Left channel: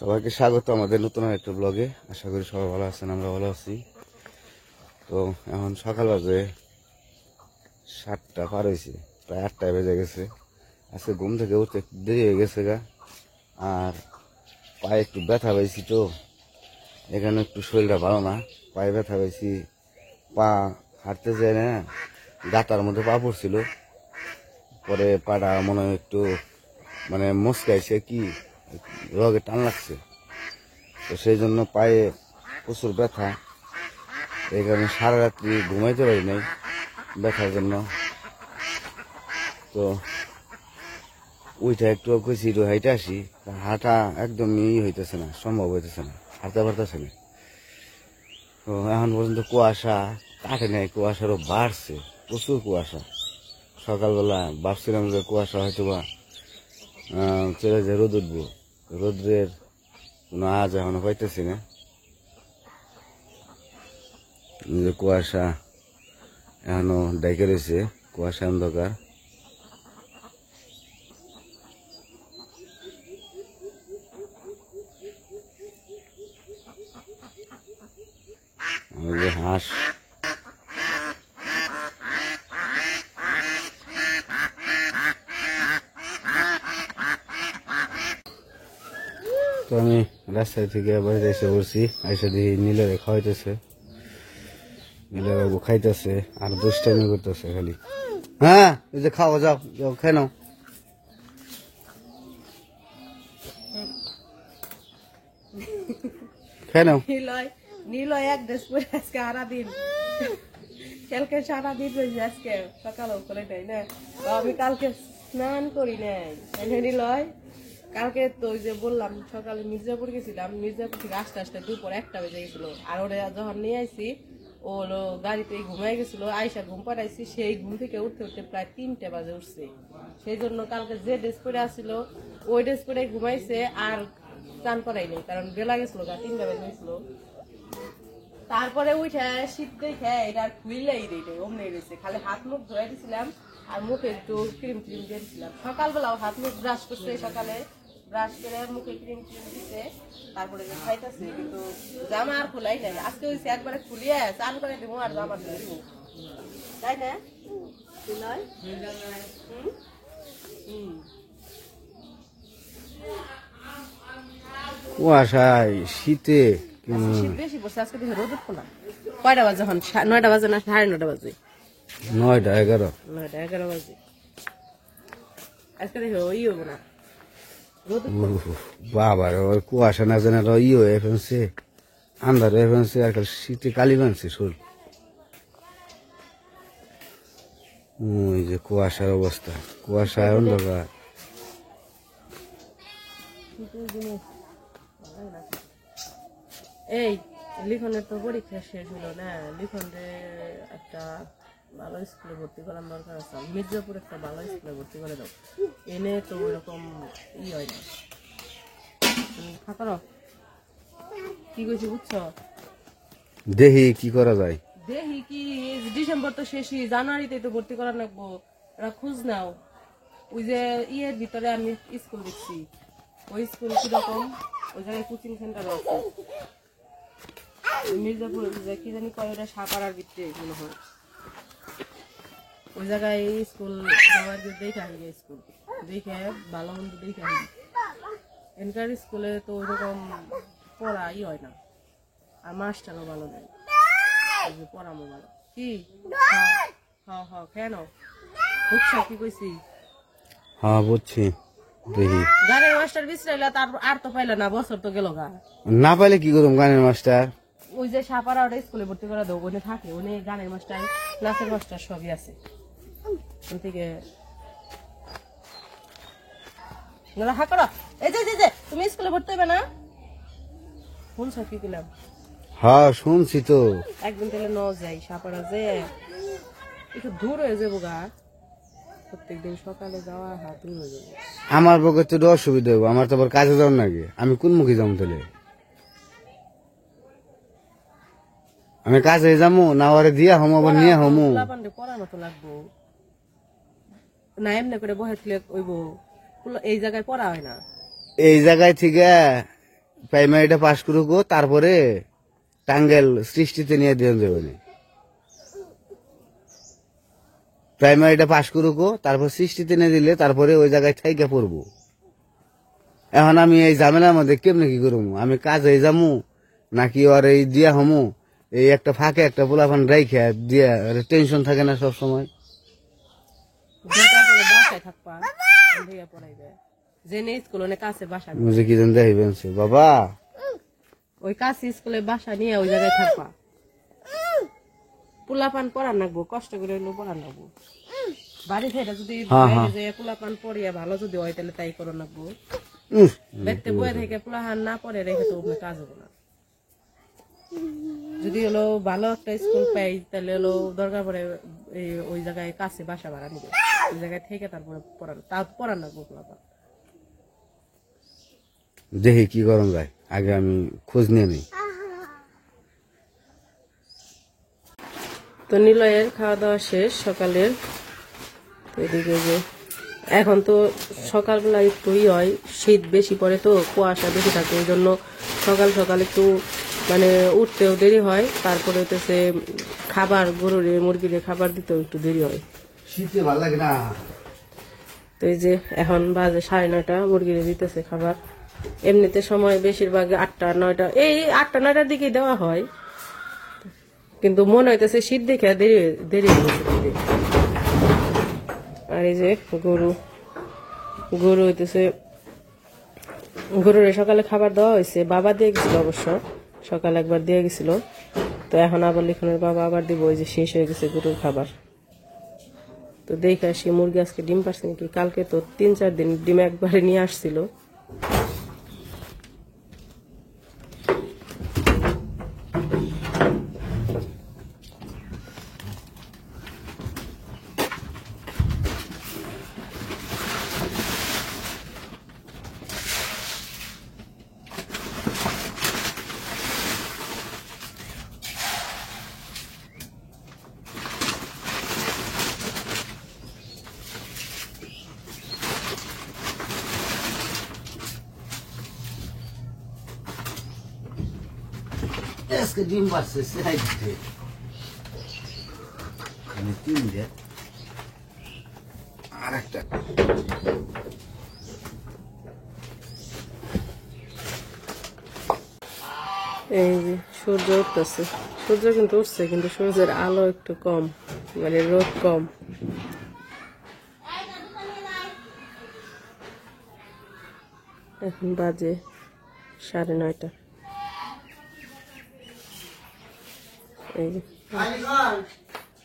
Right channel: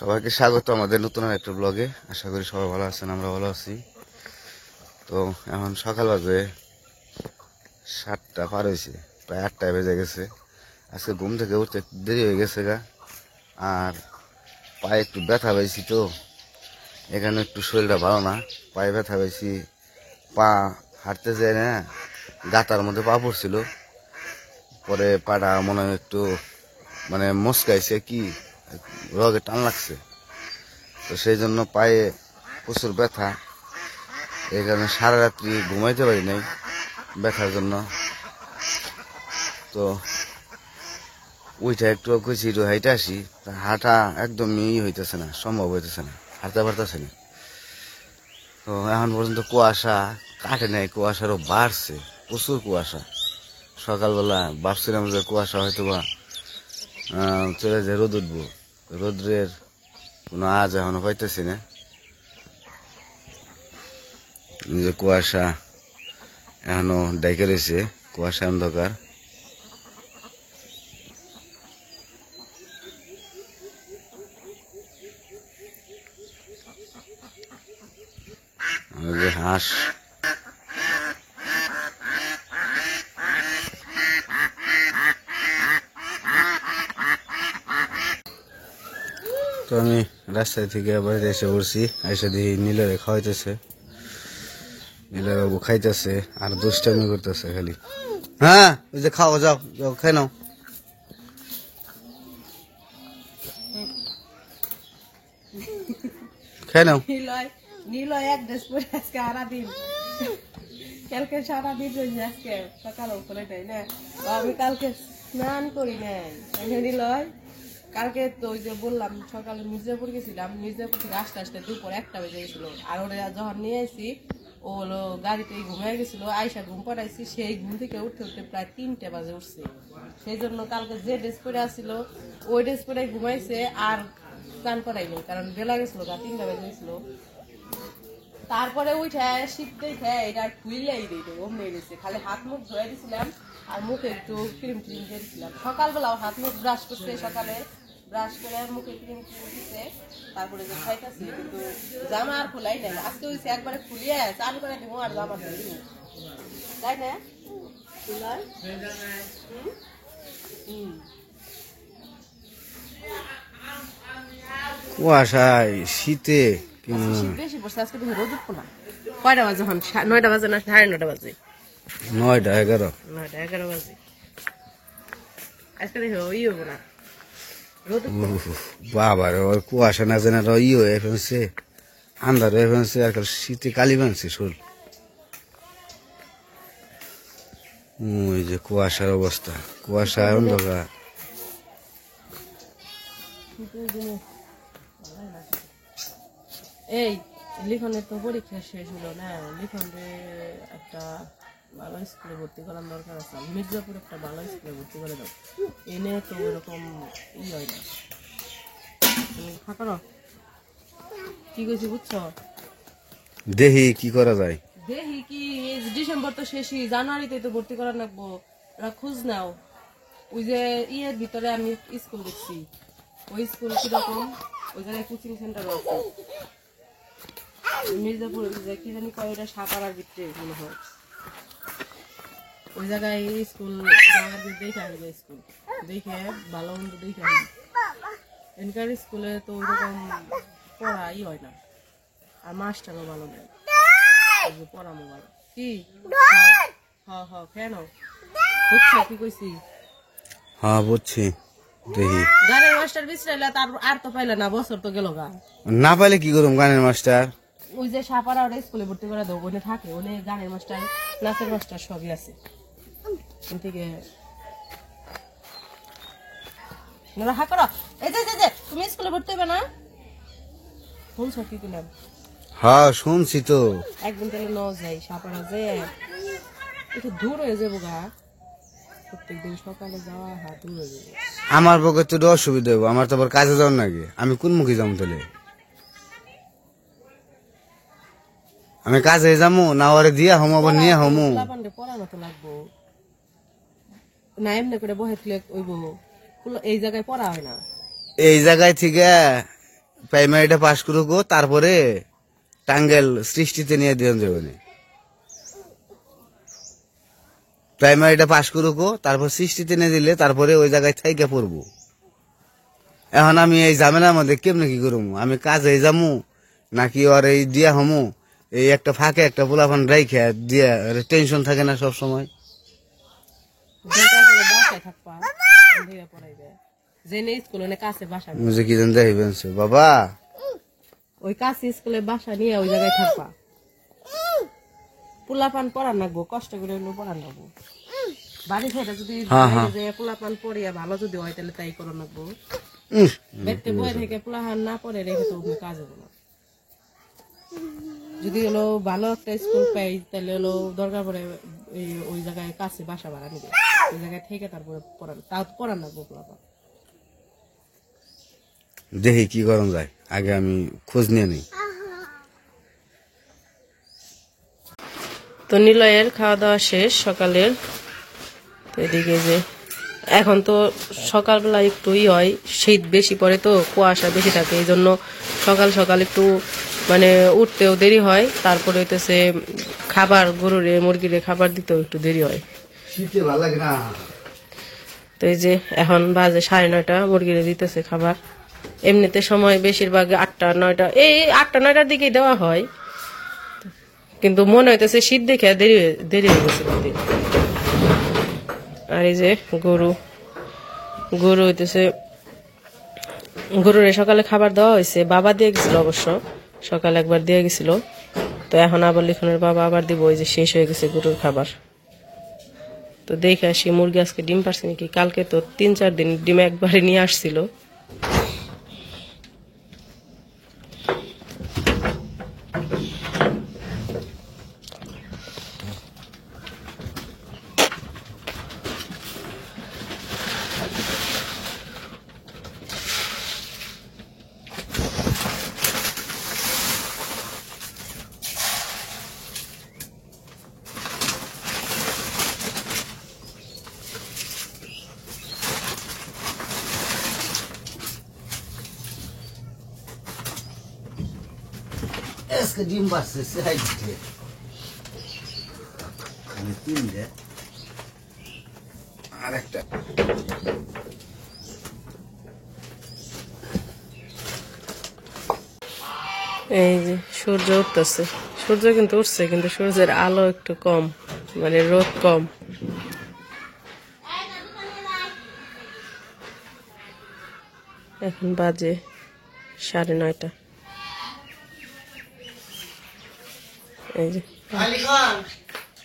সবাইকে স্বাগত আমাদের নতুন একটা ব্লগে। আশা করি সবাই ভালো আছেন, আমরা ভালো আছি। তো এখন সকাল বাজে 7টা পার হয়েছে, প্রায় 8টায় বেজে গেছে। আজকে ঘুম থেকে উঠতে একটু দেরি হয়ে গেছে গা, আর পায়ে একটু ব্যথা পাইছি। তো এখানে একটু শরীরটা ভালো না, পায়ে ব্যথা পাইছি। পা হাঁটতে যায় না, গাতার মধ্যে পা পড়ছিল, পরে পাটা মনে হয় একটু মানে মচকাইছে কি রগে টান লাগছে। তো সেই জন্য পায়ে প্রচুর ব্যথা, এই কারণে সারা রাত্রি ঘুমাইতে পারি নাই ব্যথার জন্য। তো ওইটা একটু কইছি একটু হাইটে আসি, হাঁটা একদমই হইতেছে না, সম্ভব হইতেছে না, হাঁটতে পারতেছে না। তো এখন পর্যন্ত কুয়াশা কাটে নাই, কুয়াশারও বাড়ছে, প্রচুর কুয়াশা। সকালবেলা ভাবছিলাম যে কুয়াশা হয়তো বা চলে যায়, রোদ উঠবো, রোদ্রের কোনো আজ এখনো পাইতেছি না। যে কুয়াশা এখনো ডাইকে রয়েছে, কুয়াশা অন্ধকার। যে হাঁস তো আমি রাস্তা থেকে বাড়িতে এসে পড়ছি, এসে দিয়ে নীলের খাওয়াইতেছে, নীলের বাবু খাইতেছে আর দুষ্টামি করতেছে খালি। হ্যাঁ ওই যে খাও, যাও যাও খাই নাও, খাই নাও। নীলয় এক ড্রেস পরে আজকে সারাদিন, কালকে সারাদিন রয়েছে, আজকে সকালে করে নেই না। আমি কালকে স্নান করি নাই নীলয়। কালকে তো ওই যে বললাম সকালে মির্জাপুর গেছিলাম, মির্জাপুর থেকে আসতে আসতে দুপুর 1টা বেজে গেছিল। আর ওরা যখন নিয়ে আসি ও হলো গাড়িতে ঘুমাই গেছিল, আইসা ঘুম পাড়াইছি, সেই ঘুম থেকে উঠতে উঠতে প্রায় 3টে বাজে উঠছে। সেই জন্য কালকে যে ড্রেস পরে আসছিল ওই ড্রেস পরে ঘুমাইছে, আর চান করাই নেই, কারণ বেলা গেছিল, 3টা বেজে গেছিল। তারপরে উঠে শীত দেখে এটা খুইলাই দিই অমনি গেছে, খালি হাত মুখ ধুয়ে দিছিলাম আর মুখে একটু ক্রিম ক্রিম দিয়ে দিছিলাম। সকালবেলাও হাত মুখ ব্রাশ করছে, সকালে ব্রাশ করে মুখে ক্রিম ক্রিম দিচ্ছে, তারপরে যে খাইতেছে। কিন্তু জামা আর খোলাই নাই, আজকে হয়েছে একবারে খুলিয়ে চান করে দিব আর জামা দিব, তাই না? কুয়াশায় শীতে শীত বেশি পড়ছে আজকে, দেখে রোদ উঠবো না। কয়টা বাজে এখন? 9টা বাজে না 9:30 বাজে? 9টা 11। 9টা 11 বাজে। আজকে দেখে ওই হবো না, রোদ বাবার ওর কুয়াশা না জানা ই হয়ে ফেলছে, আন্ধার হয়ে ফেলছে, আর শীতে কালি বানছে শোল। ওই যে কুয়াশার অবস্থা, কুয়াশা অন্ধকার। এই লিখনের তো পরীক্ষা শেষ হলো না, লিখনরে একটা ভালো স্কুলে ভর্তি করার দরকার আছে। মির্জাপুর একটা ভালো স্কুলে ভর্তি করে দাও, এনে তো ওইরকম হয় না। করো কি কইছি বুঝছো? দেখি কি করা যায়। দেখি কি, ডিসেম্বর তো শেষই, জানুয়ারিতে তো ভর্তি করা লাগবো। ওরা খোঁজ নাও, ওই যে ইয়ের ভিতরে আমি স্কুল দেখছি, ওই স্কুল কিরকম, ওই জায়গায় কোচিং সেন্টার আছে মির্জাপুর, কি জানি কয় ওটা সাপাড়ার ভিতরে মনে হয়, ওই জায়গায় স্কুল যাওয়ার দেখে আসবে, স্কুল দেখে ভালো মন্দ দেখে আসবে। এনকার স্কুলে তো ওইরকম পড়াই হয় না, আর মাস্টারও ভালো নেই, পড়ামো ভালো কি। কেন বুঝছো কি কইছি? হ্যাঁ বুঝছি। দেখি গানের মাস্টার বিশ্রাইলে তার আর তো পাইলে না, বছর তো গেল গা। না পাইলে কি করুম গানের মাস্টার? ওই যে সাপাড়া ওটা স্কুলে ভর্তি করে দেবো, ওখানে থাকে, ওখানে গানের মাস্টার নাচের মাস্টার সবই আছে। থেকে তুমি স্কুলে ভর্তি হবে না? শুনছো কি কিনা? হ্যাঁ শুনছি তো। একদিন তাহলে ন যাই সাপাড়া, যে একটু দূর হয়ে যাবো গা, প্রত্যেকদিন সকালে যাওয়া হ্যাঁ দূর হয়ে যাবো। আমার পক্ষে তো অসুবিধা হবো, আমার তো আবার কাজে যাওয়ার নাকি, আমি কোন মুখে যাবো তাহলে? আমি কাজে যাবো না, ওরে দিয়া হমো আবার নিয়ে হমো? পড়ানো তো লাগবো না, এমনি করে বহে তুলে ওইব, এই জায়গায় পড়া হয় না। এই জায়গায় থেকে প্রাইমারিটা পাশ করুক, তারপরে টাঙ্গেল সৃষ্টিতে নিয়ে দিয়ে দেবেন। প্রাইমারিটা পাশ করুক, তারপর সৃষ্টিতে নিয়ে দিলে তারপরে ওই জায়গায় থাইকে পড়বো। এখন আমি এই ঝামেলার মধ্যে কেমনে কি করবো? আমি কাজে যামু নাকি ওর এই দিয়া হমু? এই একটা ফাঁকে একটা পোলাপান রাইখে দিয়া টেনশন থাকে না সব সময়। বাসায় থাকবা পড়াইবে জেনে স্কুল অনেক কাছে বাসা মুঝে কি জানতে হইবেন বাবা? ওই কাছে স্কুলে বাসা নিয়ে ওই জায়গায় থাকবা। পোলাপান পড়ান লাগবো, কষ্ট করে হইলেও পড়ান লাগবো। বাড়ি থেকে যদি পোলাপান পড়িয়া ভালো যদি হয় তাহলে তাই করো লাগবো। ব্যক্তি বয়ে থেকে পোলাহান না পড়ে রেখে তো কাজ হবো না। যদি হলো ভালো একটা স্কুল পাই তাহলে হলো দরকার পড়ে ওই জায়গায় কাছে বাসা ভাড়া নিবে, ওই জায়গায় থেকে তারপরে পড়ান লাগবো পোলাপান। দেখি কি করণ যায়, আগে আমি খোঁজ নিয়ে নিই। তো নিলয়ের খাওয়া দাওয়া শেষ সকালের। তো এদিকে যে এখন তো সকালবেলা একটু হয়, শীত বেশি পড়ে তো কুয়াশা বেশি থাকে, এই জন্য সকাল সকাল একটু মানে উঠতেও দেরি হয়। তারপরে হইতেছে খাবার গরুরে মুরগিরে খাবার দিতেও একটু দেরি হয়। তো এই যে এখন বাজে 9:30, মুরগিরে দিতেছে খাবার। এমনিতে সময় বেশিরভাগ 8টা 9টা, এই 8টা 9টার দিকেই দেওয়া হয়, কিন্তু মনে হইতেছে শীত দেখে দেরি হয়ে গেছে দিতে। আর এই যে গরু হইতেছে, গরুরে সকালে খাবার দেওয়া হয়েছে, বাবা দিয়ে গেছিল অবশ্য, সকালে একবার দিয়ে গেছিল। তো এখন আবার লিখনের বাবা আবার দিব, ওই যে শেষ হয়ে গেছে গরুর খাবার। তো দেখে আসি মুরগি আজকে ডিম পারছে নাকি। কালকে তো 3-4 দিন ডিম একবারে নিয়ে আসছিল। আজকে ডিম পারছে 4টে, 3টে আর একটা। এই যে সূর্য উঠতেছে, সূর্য কিন্তু উঠছে, কিন্তু সূর্যের আলো একটু কম, মানে রোদ কম। এখন বাজে 9:30। এই যে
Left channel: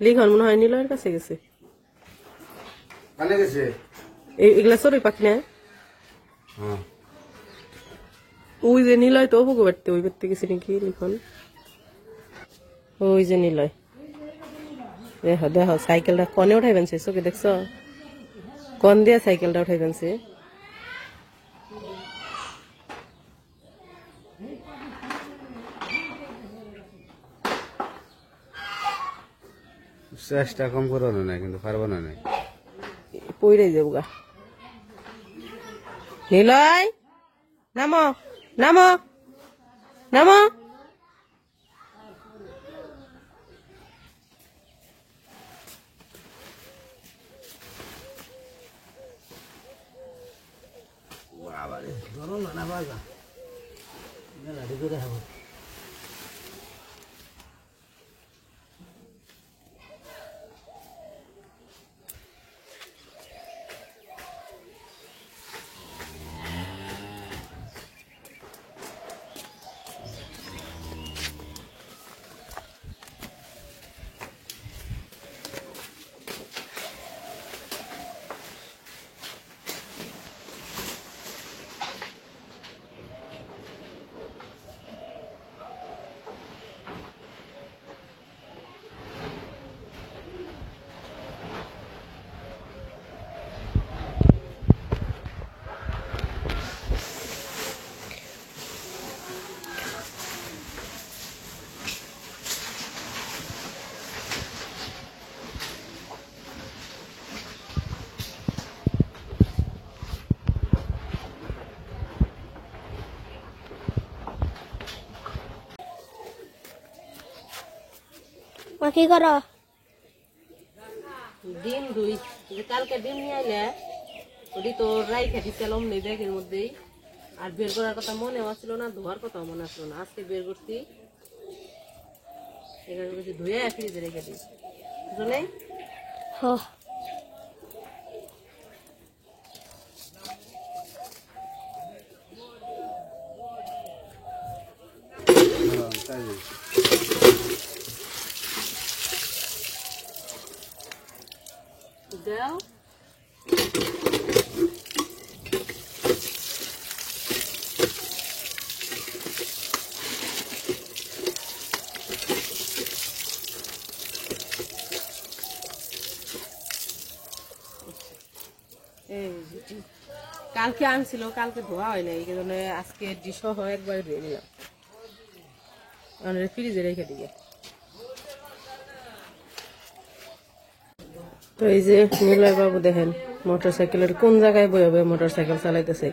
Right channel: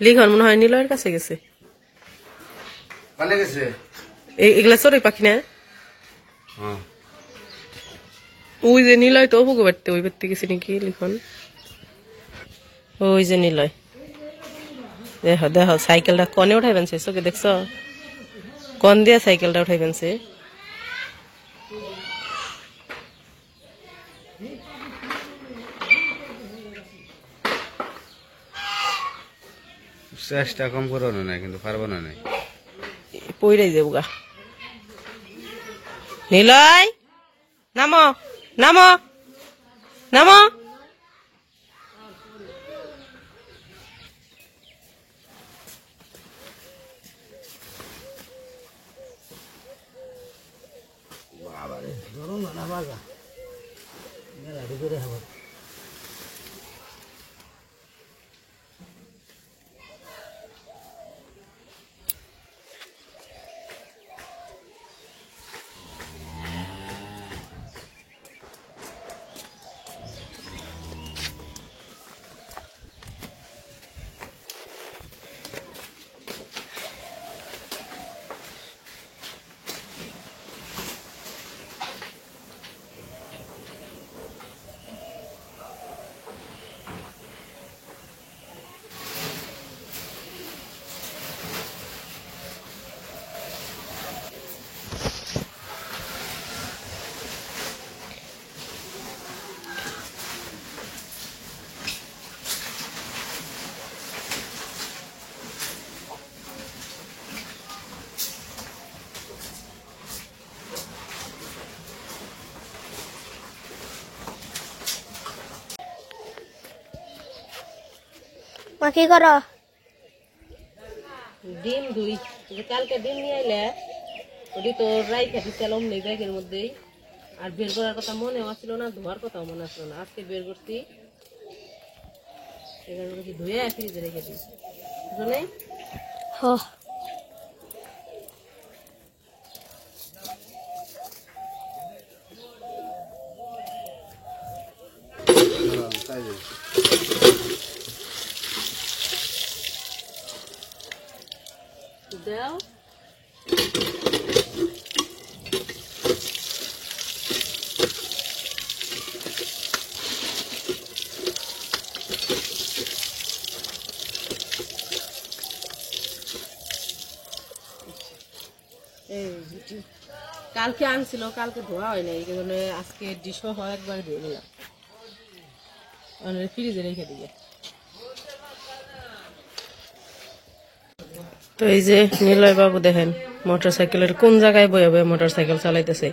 লিখন মনে হয় নিলয়ের কাছে গেছে। এগুলা চড়ুই পাখি না? ওই যে নিলয় তো অপুকে বাড়তে, ওই বাড়তে গেছে নাকি লিখন। ওই যে নিলয়, দেখো দেখো সাইকেলটা কনে উঠাই ফেলছে, চোখে দেখছ? কন দিয়া সাইকেলটা উঠাই ফেলছে। চেষ্টা কম করো না, কিন্তু পারবো না। পইরাই যাবো গা। নিলয় নামো নামো নামো। মা কি করো? ডিম দুই কালকে ডিম নিয়ে আইলে ওটি তো রাই খেতেছিলাম নেই ব্যাগের মধ্যেই আর বের করার কথা মনে আসছিল না ধোয়ার কথাও মনে আসছিল না আজকে বের করছি এখানে কিছু ধুয়ে ফ্রিজে রেখে দিই বুঝলে হ দাও কালকে আনছিল কালকে ধোয়া হয় নাই এই জন্য আজকে ডিশও হয় একবার ধুয়ে নিলাম ফ্রিজে রেখে দিয়ে তো এই যে নিলয় বাবু দেখেন মোটরসাইকেলের কোন জায়গায় বয়ে বয়ে মোটরসাইকেল চালাইতেছে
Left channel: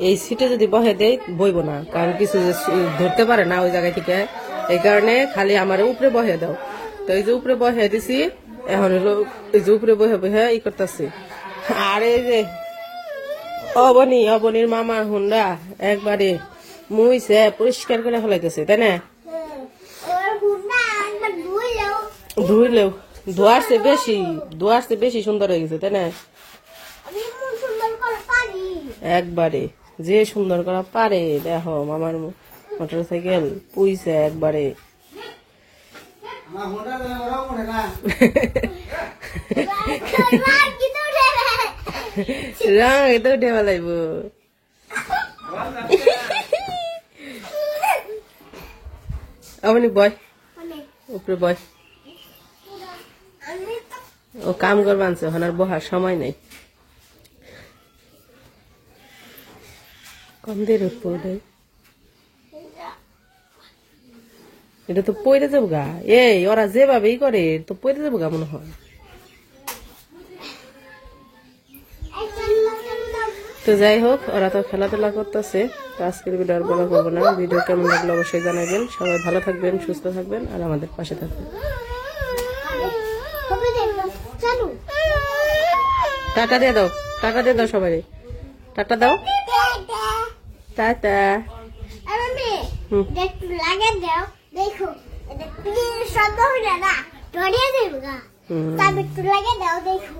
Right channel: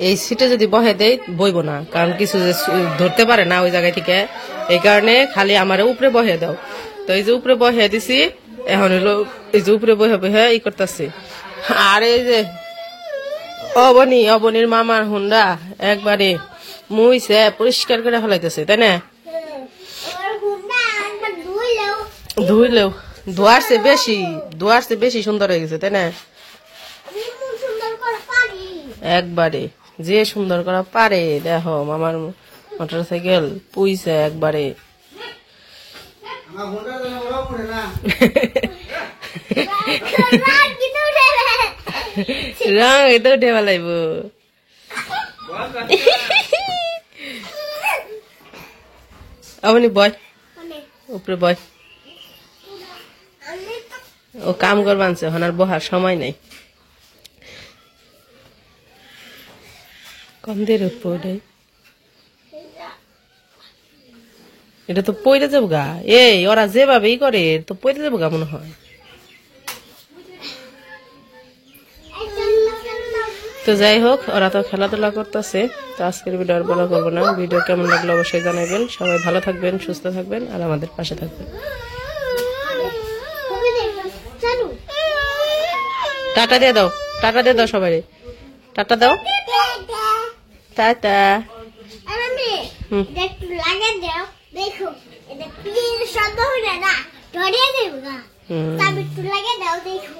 এই সিটে যদি বহে দেয় বইব না কারণ কিছু যে ধরতে পারে না ওই জায়গায় থেকে এই কারণে খালি আমার উপরে বহে দাও তো এই যে উপরে বহে দিছি এখন হলো এই যে উপরে বহে বহে ই করতেছে আর এই যে অবনির মামার হুন্ডা একবারে মুইছে পরিষ্কার করে ফেলাইতেছে তাই না ধুইলেও ধোয়ার চেয়ে বেশি সুন্দর হয়ে গেছে তাই না একবারে যে সুন্দর করা পারে দেখো মামার মোটরসাইকেল পুইছে একবারে রং এটা উঠে ফেলাইব আপনি বয় উপরে বয় ও কাম করবা আনছে ওনার বহার সময় নেই কম দের উপরে এটা তো পইরে যাবো গা এই ওরা যেভাবেই করে তো পইরে যাবো গা মনে হয় তো যাই হোক ওরা তো খেলাধুলা করতেছে তো আজকের ভিডিও আর বড় করবো না ভিডিও কেমন লাগলো অবশ্যই জানাবেন সবাই ভালো থাকবেন সুস্থ থাকবেন আর আমাদের পাশে থাকবেন টাটা দিয়ে দাও সবাই টাটা দাও টাটা একটু লাগে দাও দেখো এটা প্লিজ শব্দ হইলে না ধরিয়ে দেবো গা একটু লাগে দাও দেখো